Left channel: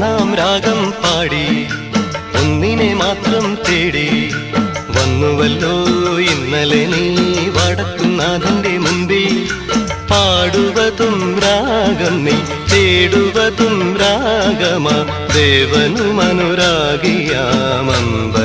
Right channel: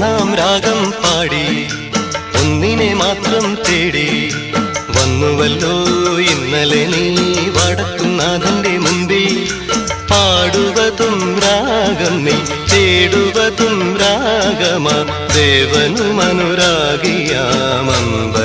ഒന്നാം രാഗം പാടി ഒന്നിനെ മാത്രം തേടി വന്നുവല്ലോ ഇന്നലെ നീ വടക്കുന്നാഥന്റെ മുമ്പിൽ. പാടുവതും രാഗം നീ തേടുവതും രാഗമാ ദേവനുമനുരാഗിയാമന്ത